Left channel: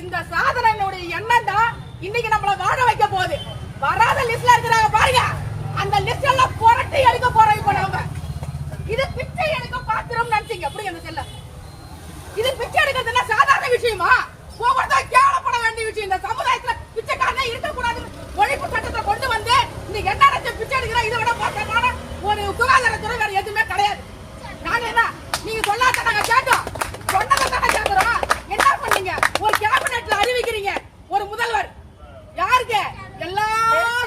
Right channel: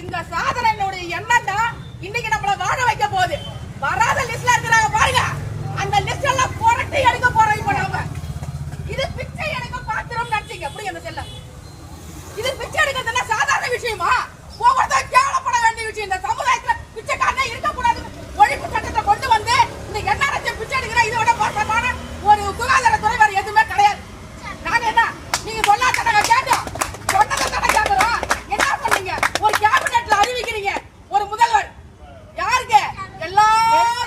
இந்த சாதனையினுடைய எண்ணம் தான் இன்னைக்கு நம்மள வாழ வைக்க போகுது. வராத லிஸ்ட்ல இருக்கிறாங்க பாருங்க, அந்த லிஸ்ட் எல்லாம் புரட்டி எடுக்க போறோம். இப்ப நாம இது பிச்சை எடுக்க பாத்திரம் நினைச்சீங்க அப்படி அந்த செல்ல இது பிச்சை எடுக்கிறதுல சாதாரண விஷயமா? ஒவ்வொருத்தரும் கேவலப்பட வேண்டிய விஷயம். இந்த சமுதாயத்துல பிச்சைக்காரனே இருக்கக்கூடாது ஒழிப்பு சட்டத்தை கொண்டு வந்து இன்னைக்கு என்ன நினைச்ச பிச்சை எடுக்கிற இதை விட மோசமான ஒரு சுகாதாரத்துறை வேற எதுவுமே கிடையாது. நாங்க என்ன நீங்க சொல்லாத நாங்க கேட்டோம், சொன்னதை தானே கேட்கிறோம். என்ன பண்ணீங்க? ஒரு கேபினெட்ல அறிவிக்கிறீங்க ஒரு முதல்வர். யாருக்கு? எல்லா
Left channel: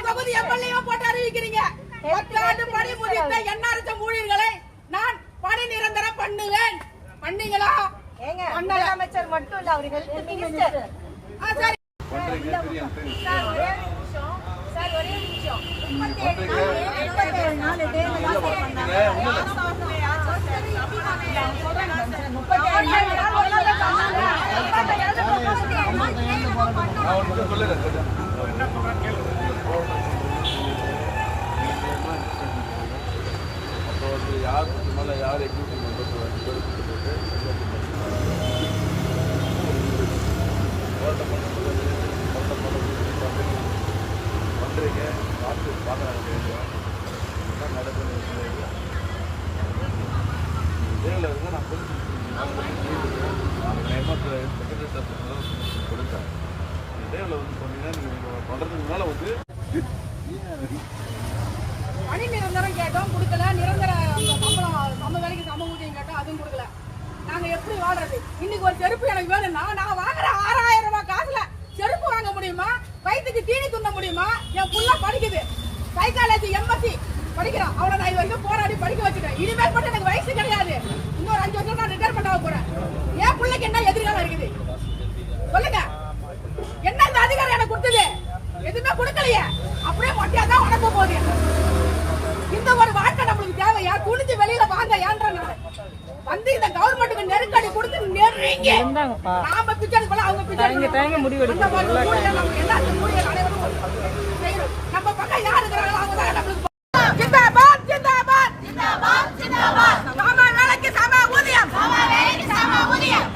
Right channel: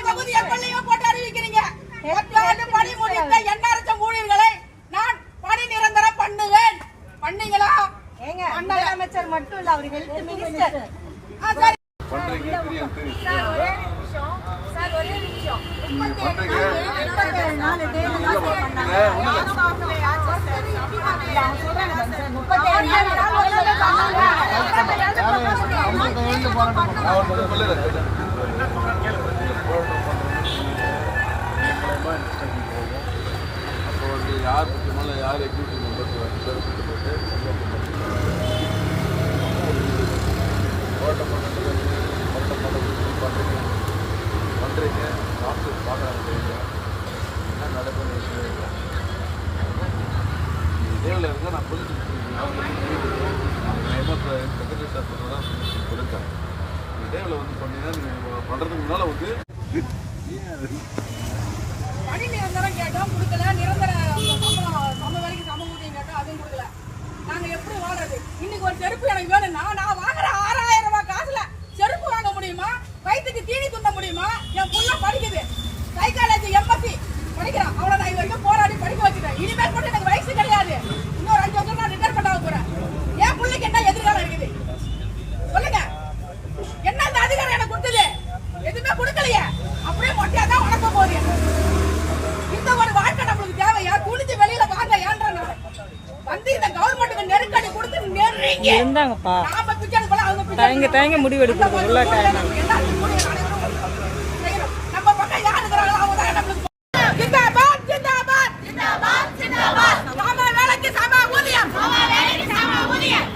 தொகுதி எம்எல்ஏவும் போட்டு அறிவிக்கிறீங்க. 10 ஆண்டு பணி முடித்த என்ஆர்எச் ஊழியர்களை நான் பணி நிரந்தரம் பண்ணுவேன். பண்ணீங்களா? முதலமைச்சர் மட்டும் இல்ல, அவர் ஹெல்த் மினிஸ்டர். சரி சார் ஒரே நிமிஷம், சார் ஒரே நிமிஷம். 37 நாள் டேல பண்ணாங்க. யார் முக்கியமான யார் எக்ஸிக்யூட்டிவ் மெம்பர்ஸ் பண்ணுறீங்க, டாக்டர் பார்க்குறாங்க, என்ன நடக்குன்னு இதேவில் இருந்தால் நான் கொஞ்சம் செக்ரட்டரி கொடுத்தேன். இதேவில் வந்து சொன்னீங்கன்னா நீங்கள் பண்ணுறதுக்கு முன்னால் வந்து பணி நிரந்தரம் கேட்டோம், கொடுக்கல. நிரந்தர சம்பளம் சம வேலைக்கு சம ஊதியம் கேட்டோம், அதுவும் கொடுக்கல. நாங்க எப்படி வாழ்றது? இன்னைக்கு ஒரு செருப்பு எனக்கு வேணும்னா நான் வாங்குற 6000 ரூபாய் காசுல செருப்பு வாங்க முடியுமா? வயிற்றுக்கு தீனி துண்ண முடியுமா? என் புள்ள படிக்குது, சைக்காலஜி எம்எஸ்சி படிக்கிறான். அவளை நான் இது வரைக்கும் போராடி படிக்க வச்சுட்டேன். இனிமேல் மட்டும் எனக்கு வயசு கிடையாது. இன்னொரு 5 வருஷம் நான் ரிட்டையர் பண்ண போறேன். என் பிள்ளைக்கு என்ன எதிர்காலம் இருக்குது சொல்லுங்க? என்ன அந்த அதிகாரம் எனக்கு கொடுத்தது? எதுவுமே கொடுக்கலையே. அப்படியே மொட்டையா தான் உடக்க போகுது. இந்த ஒரு வாழ்க்கை நம்மளுக்கு தேவையா? துணிஞ்சு வெளியில வாங்க ஏன்ற வந்து இந்த கவர்மெண்ட்டுக்கு நெருக்கடி கொடுத்து நெருங்கி நாம பிச்சை எடுக்கலாம், அவங்க பிச்சை முடிவெடுக்க நம்ம பக்கம் யாரு இருக்கிறாங்களோ அவங்க தான் நம்மளுக்கு. ஜிந்தாபாத் ஜிந்தாபாத் ஜிந்தாபாத் ஜிந்தாபாத். சம வேலைக்கு சம ஊதியம், சம வேலைக்கு சம ஊதியம்.